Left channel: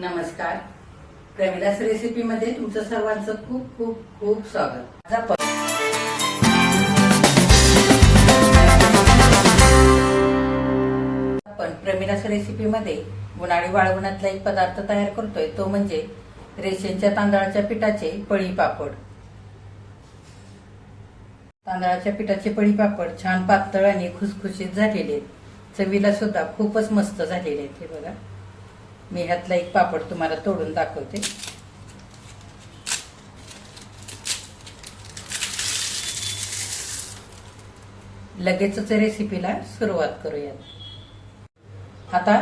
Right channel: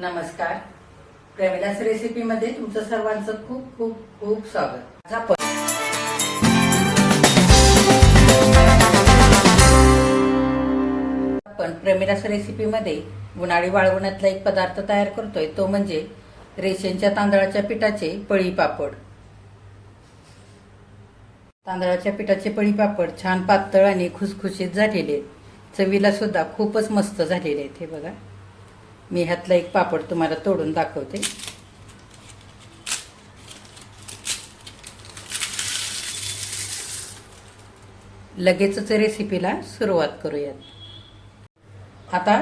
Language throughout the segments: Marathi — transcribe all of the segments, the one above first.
नमस्कार. प्रमिलास रेसिपी मध्ये तुमचं सर्वांचं खूप खूप खूप स्वागत. आपण प्रमिलास रेसिपी मध्ये उन्हाळी वाळवणातला एक पदार्थ तयार करतोय, तो म्हणजे रेशनच्या तांदळाच्या पिठाचे पळी पापड. तांदळाच्या पिठाचे पळी पापड छान पातळ आणि खुसखुशीत झालेले आहेत. चवीला सुद्धा खूपच मस्त झालेले आहेत. हे बघा, मी ह्यातला एक पापड तुम्हाला तोडून दाखवते. लगेचच रेसिपीला सुरुवात करूयात. आता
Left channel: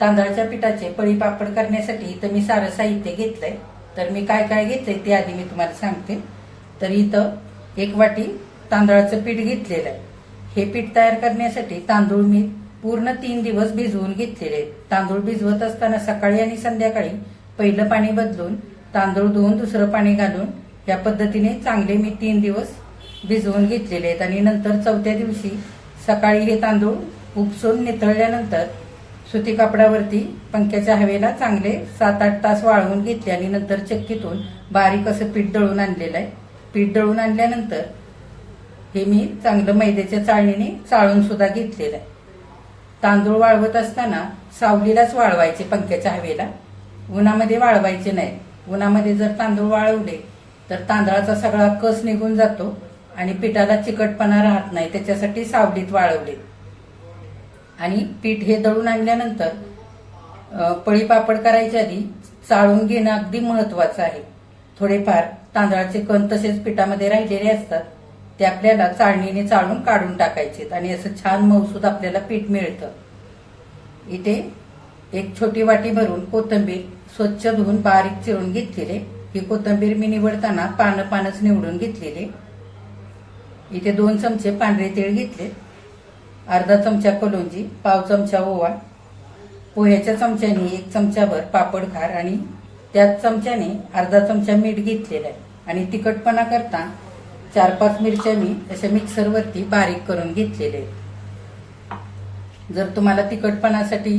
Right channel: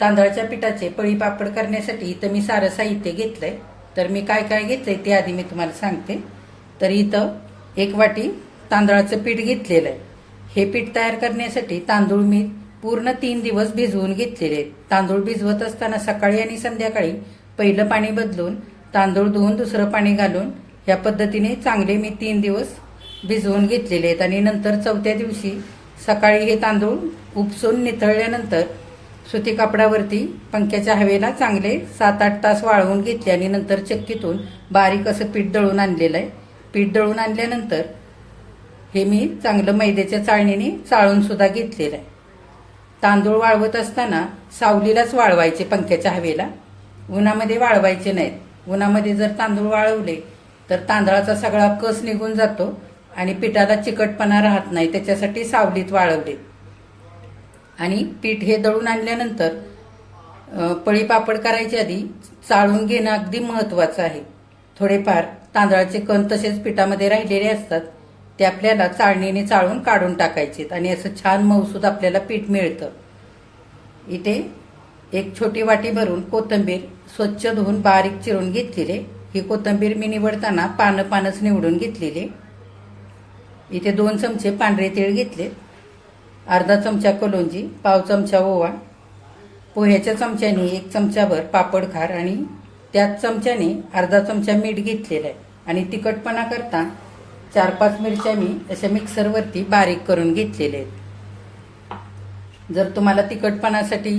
तांदळाच्या पिठाचे पळी पापड करण्यासाठी इथं मी सारं साहित्य घेतलंय. तर मी काय काय घेतलंय ते आधी मी तुम्हाला सांगते. तर इथं 1 वाटी तांदळाचं पीठ घेतलेलं आहे. हे पीठ तयार करण्यासाठी तांदूळ मी पूर्ण 3 दिवस भिजवून घेतलेले आहेत. तांदूळ भिजवत असताना सकाळी आणि संध्याकाळी पहिलं पाणी बदलून तांदूळ धुवून दुसरं पाणी घालून या पद्धतीने चांगले मी 3 दिवस भिजवून घेतलेले आहेत. आणि नंतर चौथ्या दिवशी सकाळी हे तांदूळ उपसून निथळल्यानंतर सुती कापडावरती पंख्याच्या हवेला चांगले 7-8 तास वाळवून घेतले आणि नंतर चक्कीतून बारीक असं पीठ दळून आणलेलं आहे. पीठ दळून आणल्यानंतर हे मी चांगलं मैद्याच्या चाळणीने चाळून सुद्धा घेतलेलं आहे. तांदूळ वाळवत असताना सावलीलाच वाळवायचे, पंख्याच्या हवेला. उन्हामध्ये वाळवायचे नाहीत. उन्हामध्ये जर तांदूळ वाळवले तर तांदळाचा सगळा कस निघून जातो आणि पिठाला चिकटपणा राहत नाही. त्याच्यासाठी सावलीत वाळवले. आणि पीठ हे दळून आणल्यानंतर पळी पापड करायच्या आधी चाळून घेणं अगदी महत्वाचं आहे. थोडेफार तांदळाचे कण तसेच पिठामध्ये राहिलेले असतात, ते आपल्याला चाळणीने चाळून काढून टाकायचे आणि असं छान मऊसूद आपल्याला पीठ मिळतं. इथे 1 छोटी वाटी भरून कोथिंबीर स्वच्छ धुवून बारीक चिरून घेतलेले. ही कोथिंबीर मी निवडताना पानच निवडून घेतलेले. इथे 2 चमचे पांढरे तीळ घेतले, अर्धा चमचा कलोंजी, पाव चमचा ओवा, पोह्याच्या चमच्याने 1 चमचाभर पापड खार आणि त्याच चमच्याने अर्धा चमचा मीठ घेतलेलं आहे. आणि तिखटपणा करता 4-5 मिरच्या मी अशा मिक्सरवरती बारीक करून घेतलेले आहेत. जर तुम्हाला तिखटपणासाठी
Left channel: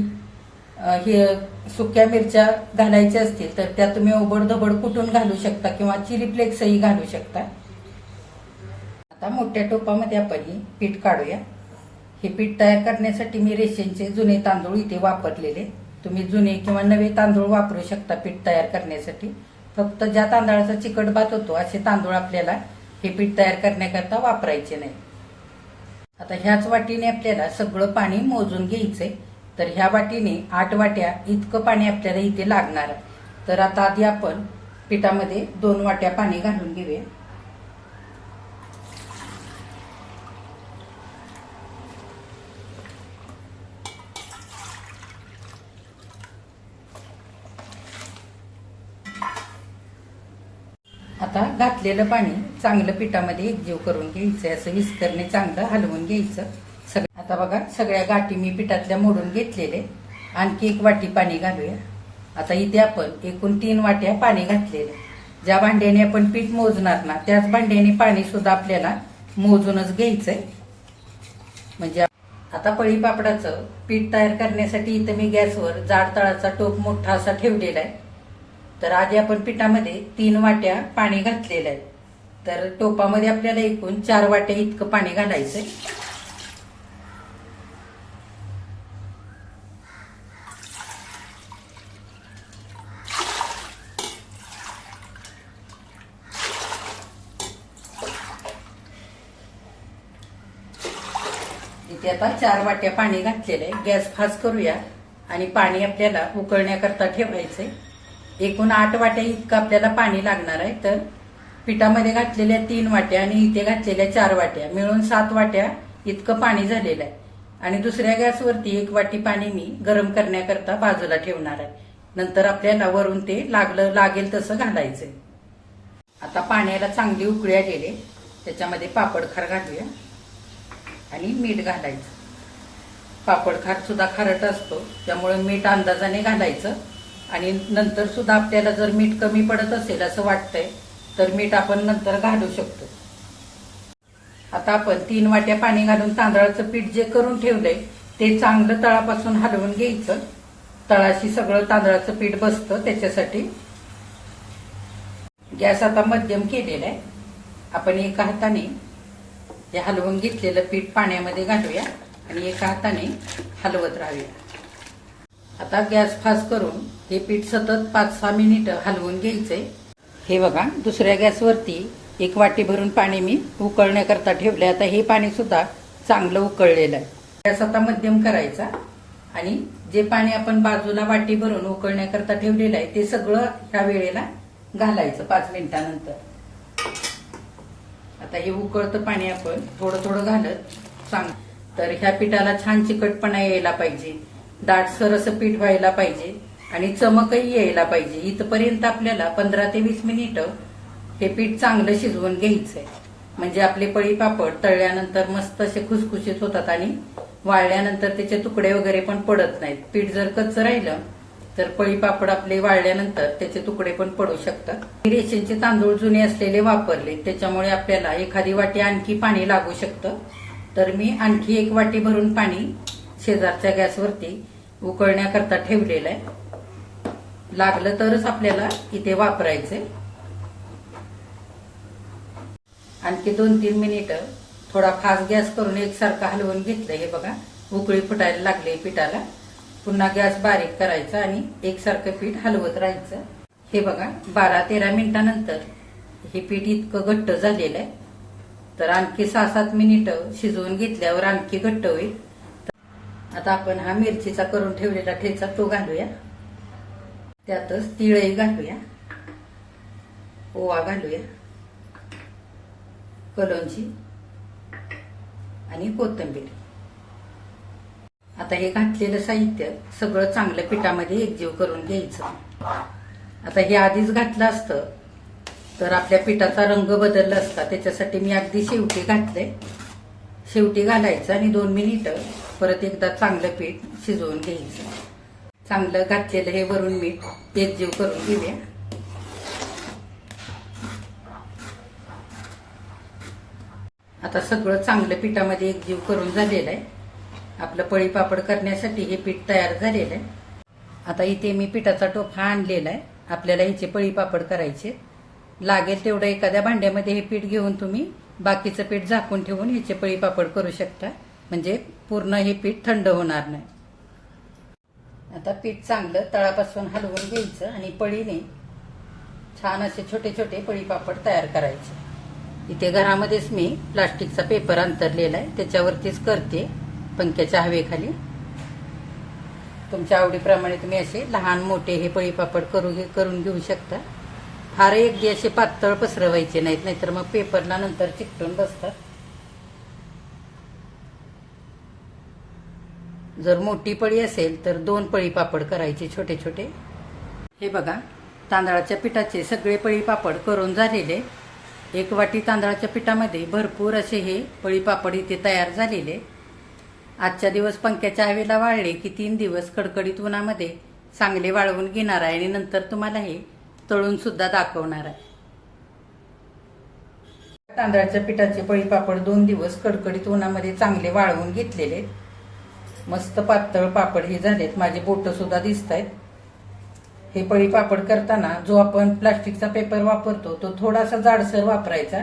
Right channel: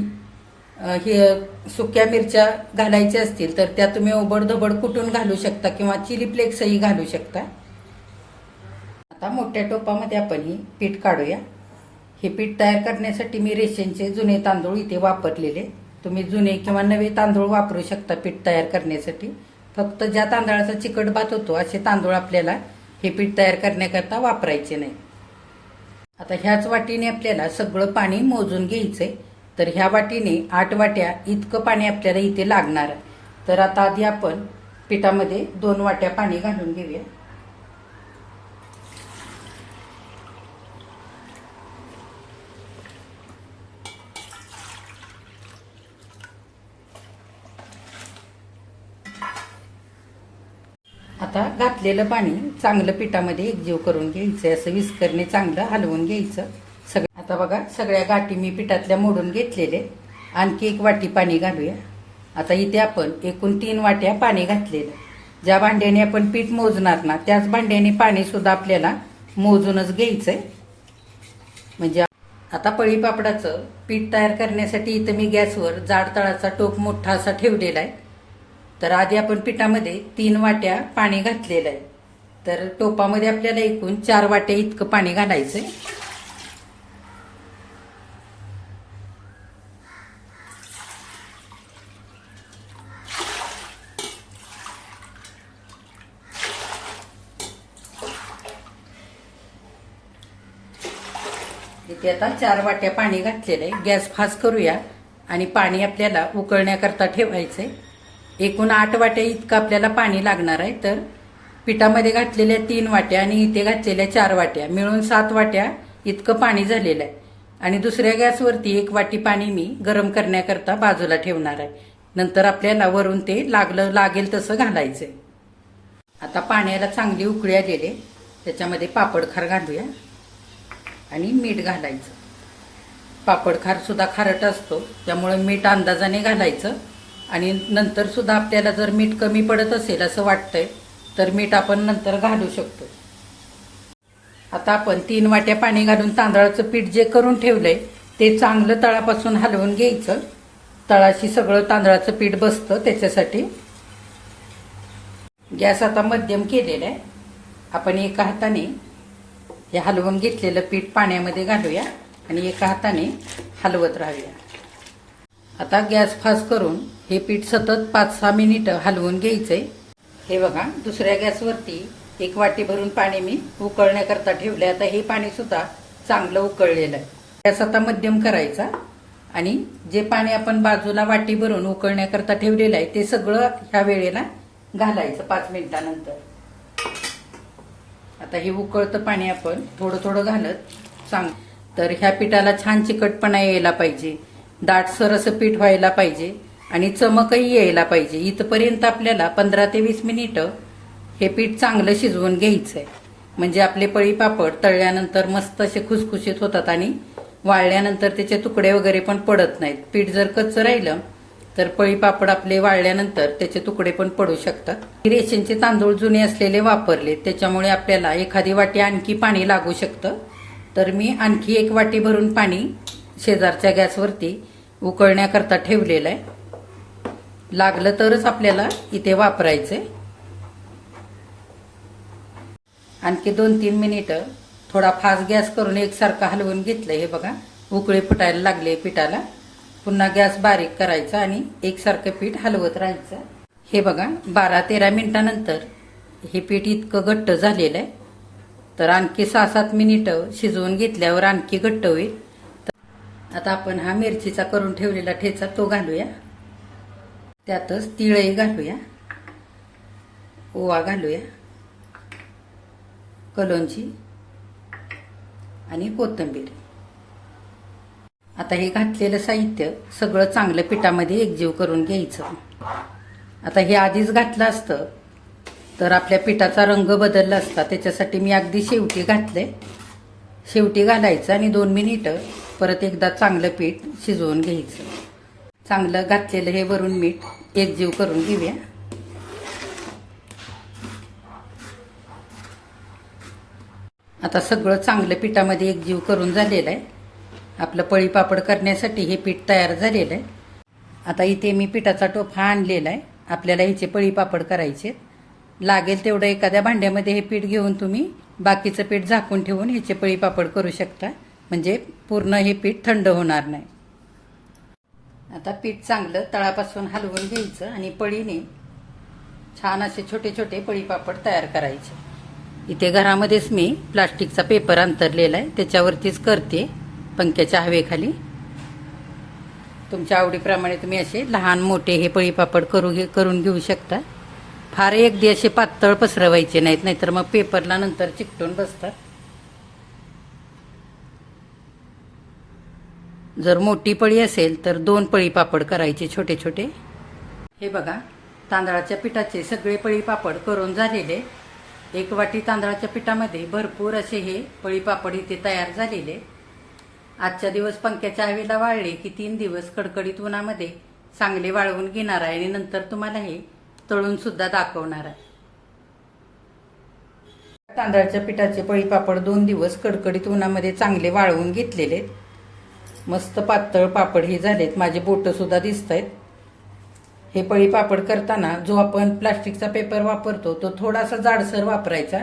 सुक्या मिरच्या घालायच्या असतील तर त्या तुम्ही ओबडधोबड कुटून घालू शकता किंवा चिली फ्लेक्सही घालू शकता. आता मोठ्या टोपामध्ये आपण हे पीठ काढूया. हे पीठ तयार करण्यासाठी मी रेशनचे जुने तांदूळ इथे वापरलेले. तुम्ही जुने किंवा नवे तांदूळ वापरू शकता पीठ तयार करण्यासाठी. फक्त ज्या तांदळाचा चिकट भात होतो असे तांदूळ आपल्याला हे पीठ तयार करण्याकरता वापरायचे नाही. आता ह्याच वाटीने आपल्याला सगळं पाणी मोजून घ्यायचंय. तर ह्या वाटीने 8 वाट्या इतकं पाणी आपल्याला इथे लागणार आहे. तर आता आधी आपण पिठामध्ये 2 वाट्या पाणी घालून घेऊया. आता घातलेलं पाणी चांगलं पिठामध्ये एकजीव करून घ्यायचं. असं विस्करने चांगलं हलवून घ्यायचं. आता बघा, सगळ्या गाठी मी पिठातल्या मोडून घेतलेले. आणखी 1 वाटी पाणी घालूया. आता इथे आपण एकूण 3 वाट्या पाणी घातलेलं. ज्या भांड्याने आपण पीठ मोजणार ना त्याच भांड्याने पाणी सुद्धा आपल्याला मोजूनच घ्यायचंय. म्हणजे आता पळी पापडाचं पीठ तयार करण्यासाठी इथं मी गॅसवर जाड तळाचा टोप मोठा असा ठेवलेला आहे. तर आधी आपण पिठामध्ये 3 वाट्या पाणी घातलेलं आहे. तर टोपामध्ये आपल्याला एकूण 4 वाट्या इतकं पाणी घालायचंय. इथे आता 4 वाट्या पाणी घातलेलं आहे. गॅस फास्ट करूया आणि पाणी आपल्याला उकळण्याकरता ठेवायचंय. एकूण 8 वाट्या इतकं आपल्याला पाणी लागणार आहे. तर पिठामध्ये घातलेल्या 3 वाट्या आणि इथे घातलेल्या 4 वाट्या मिळून 7 वाट्या इतकं पाणी झालेलं आहे. आणि दुसऱ्या गॅसवरती 1 वाटी पाणी मी गरम करण्याकरता बाजूला ठेवणार आहे. नंतर आपल्याला वरून ते लागेल तसं घालायचंय. आता पाण्याला चांगली उकळी आलेली, त्याच्यामध्ये पापड खार घालूया आणि मीठ घालायचं. पापड खार सुद्धा खारट असतो, त्यामुळे मीठ अंदाजाने घालायचं. आणि नंतर सुद्धा आपल्याला जर मीठ कमी पडत असेल असं वाटतंय तर मीठ आपण नंतर घालू शकतो. आता आपण 3 वाट्या पाणी घालून तांदळाचं पीठ जे करून ठेवलंय ते चांगलं तळापासून हलवून घ्यायचं. तळाशी सगळं तांदळाचं पीठ बसतं त्याच्यासाठी. गॅस आता मध्यम केलेला आहे. आपण एका हाताने हे हलवून घेतलेलं पीठ पाण्यामध्ये घालूया आणि एका हाताने हलवत राहूया. आता गॅस फास्ट करून हे पीठ सतत 5-6 मिनिटं हलवून घ्यायचंय. हे बघा, दुसऱ्या गॅसवरती एक वाटी भरून पाणी मी उकळण्याकरता ठेवले. आता हे पाणी सुद्धा चांगलं उकळलेलं आहे. गॅस आता मध्यम करायचा आणि जे पाणी आपण बाजूला वाटी भरून उकळण्याकरता ठेवलेलं आहे ते सगळं ह्या वेळेला घालायचं 5 मिनिटानंतर. आता हे उकळतं पाणी आपण थोडं थोडं घालत तर ह्या पिठाला छान चिकटपणा यायला पाहिजे, दाटसर असं पीठ व्हायला पाहिजे आणि चमकही यायला पाहिजे. इथपर्यंत आपल्याला 15 ते 20 मिनिटं हे पीठ चांगलं शिजवून घ्यायचंय. म्हणजे आपले पळी पापड तळल्यानंतर मस्त असे खुसखुशीत होतात आणि वाळल्यानंतर त्याचे तुकडे वगैरे पण पडत नाहीत. पीठ जर कच्चं राहिलं तर पळी पापड आपले वाळल्यानंतर त्याचे तुकडे पण पडू शकतात. रेशनचे तांदूळ जुने असलेले वापरले त्याच्यामुळे आपल्याला एखादी वाटी आणखी पाणी लागू शकतं. तर मी आणखी एक वाटी भरून पाणी शेजारच्या गॅसवरती उकळण्याकरता ठेवलेलं आहे. लागलं तरच आपल्याला इथे वापरायचंय. आणखी 2-3 मिनिटं थोडा फास्ट गॅस करून एकसारखं हलवून घेतलंय. हे बघा, उकळी फुटायला लागले पिठाला. पुन्हा गॅस बारीक करायचा आणि एकसारखं पीठ हलवत राहायचं. हे बघा, 12-13 मिनिटानंतर हे पीठ इतकं घट्ट झालेलं आहे. तर आणखी 6-7 मिनिटं शिजवून घेतल्यावर आणखी घट्ट होईल. आता आपण हा मिरचीचा करून ठेवलेला ठेचा तो घालूया. त्यातच तिळही घालूया, ओवा घालूया, कलोंजी आणि कोथिंबीर. आता हे घातलेलं साहित्य सगळं चांगलं पिठामध्ये एकजीव करून घ्यायचं. आता हे आधीच घातलं असतं तर आपल्या पिठाचा रंग बदलला असता. त्याच्यासाठी मी अगदी शेवटी घातले. शेवटी घालायचं आणि 2 मिनिटं परत एकदा चांगलं पीठ शिजवून घ्यायचं. चांगलं घातलेलं हे वरून मीठ एकजीव करून घेऊया. आता सगळं चांगलं पिठामध्ये एकजीव करून झालेलं आहे. आपलं पळी पापड करण्यासाठी हे पीठ तयार झालेलं आहे. आता इथे मी पिठाचा टोफा आणलेला आहे. आपल्याला ह्याचे पळी पापड करायचे. लागेल तेवढं एखाद्या भांड्यामध्ये हे पीठ घेऊन तुम्ही बाकीचं पीठ झाकून ठेवून ह्याचे पळी पापड करू शकता. म्हणजे पूर्ण हे पीठ थंड होणार नाही. आता पीठ चांगलं तळापासून हलवून घ्यायचं आणि पळीने छान असे छोटे छोटे पळी पापड तयार करायचे. इथे घरामध्येच मी प्लास्टिकचा पेपर अंतरलेला आहे, त्याच्यावरतीच करते पंख्याच्या हवेखाली. तुमच्या आवडीप्रमाणे तुम्ही असे लहान मोठे हे पळी पापड करून घेऊ शकता. फार एकदी असे पातळ पसरवायचे नाहीत, नाहीतर मग पेपरला नंतर चिकटून बसतात. जर मोठी पळी असेल तर 2 पळी पापड करायचे छोटे छोटे. हे बघा, तांदळाच्या पिठाचे सगळे पळी पापड करून झालेले. 1 वाटी तांदळाच्या पिठामध्ये भरपूर असे हे पळी पापड इथे तयार झालेले. आजच्या दिवस पंख्याच्या हवेला वाळले की 3 दिवस कडकडीत उन्हामध्ये चांगले वाळवून घेणार आहे आणि नंतर तुम्हाला हे तळून सुद्धा दाखवणार आहे. तांदळाच्या पिठाचे पळी पापड 2 दिवस कडकडीत उन्हामध्ये चांगले वाळवून घेतलेले. मस्त पातळ पापड हे झालेत. माझे बोट सुद्धा दिसत आहेत. हे पळी पापड करताना जो आपण प्लास्टिकचा पेपर वापरतो तो थोडासा जाडसर वापरायचा.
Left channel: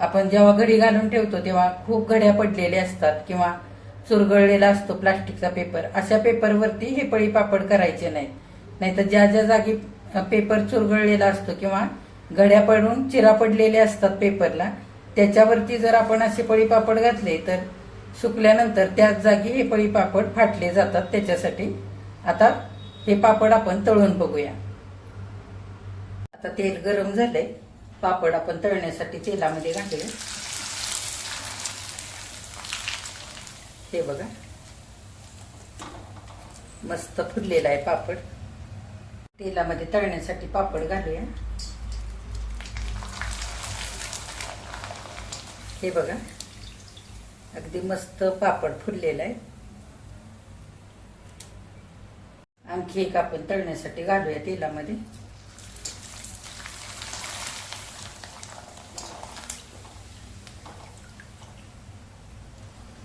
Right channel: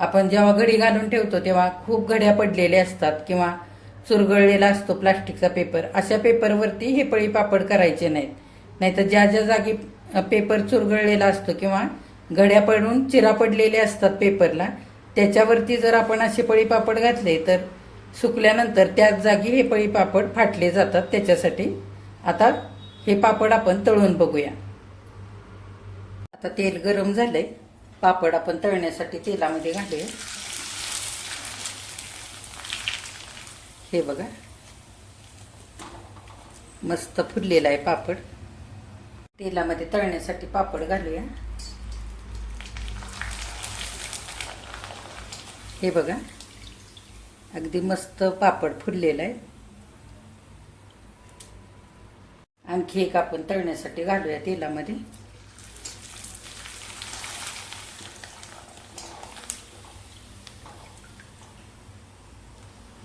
आपण जेव्हा घडी घालून ठेवतो तेव्हा खूप घड्या पडलेले असतात किंवा चुरगळलेला असतो प्लास्टिकचा पेपर. अशा पेपरवरती हे पळी पापड करायचे नाहीत. नाहीतर ज्या ज्या जागी पेपर चुरगळलेला असतो किंवा घड्या पडून चिरा पडलेले असतात पेपरला, त्याच्यावरती जर आपण असे पळी पापड घातले तर सुकल्यानंतर त्याच जागी हे पळी पापड फाटले जातात. त्याच्यासाठी आता हे पापड आपण तळून बघूया. आता तेल गरम झालंय. पापड आपण तळण्यासाठी तेलामध्ये घालूया. हे बघा, मस्त फुललेला आहे पापड. तेलामध्ये तळण्यासाठी पापड घालूया. हे बघा, अगदी मस्त पापड फुललेला आहे. आणखी एक आपण तळण्यासाठी घालूया तेलामध्ये.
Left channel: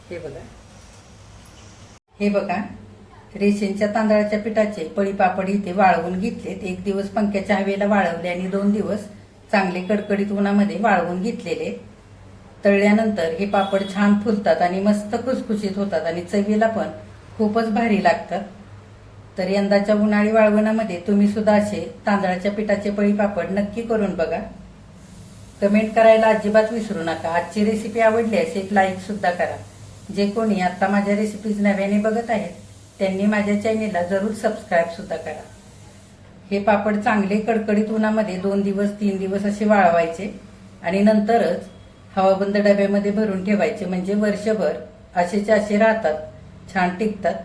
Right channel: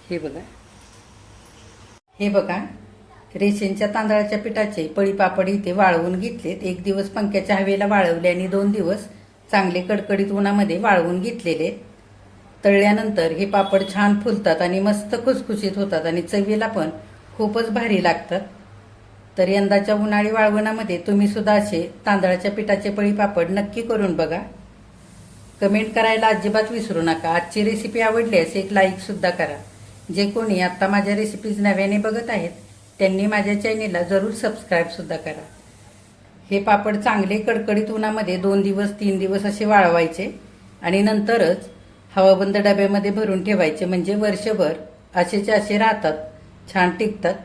हे बघा, रेशनच्या तांदळाच्या पिठाचे पळीपापड इथे वाळवून घेतलेत. 1 दिवस पंख्याच्या हवेला वाळवले आणि 2 दिवस चांगले कडकडीत उन्हामध्ये वाळवून घेतलेले. तळल्यानंतर हे पापड छान फुलतात आणि मस्त खुसखुशीत होतात आणि चवीला पण खूपच भारी लागतात. तर यंदाच्या उन्हाळी वाळवणामध्ये तुम्ही सुद्धा असे तांदळाच्या पिठाचे पळीपापड नक्की करून बघा. कमेंट करायला अजिबात विसरू नका. आजची रेसिपी आवडल्यास एक लाईक सुद्धा करा. जे कोणी आता माझ्या रेसिपीज नव्याने बघत आहेत त्यांनी माझ्या चॅनेलला जरूर सबस्क्राईब सुद्धा करा. हे पापड चांगले कडकडीत उन्हामध्ये 2 दिवस 3 दिवस असे वाळवायचे आणि नंतरच हवाबंद डब्यामध्ये भरून ठेवायचे, म्हणजे वर्षभर असेचे असे राहतात, छान टिकतात.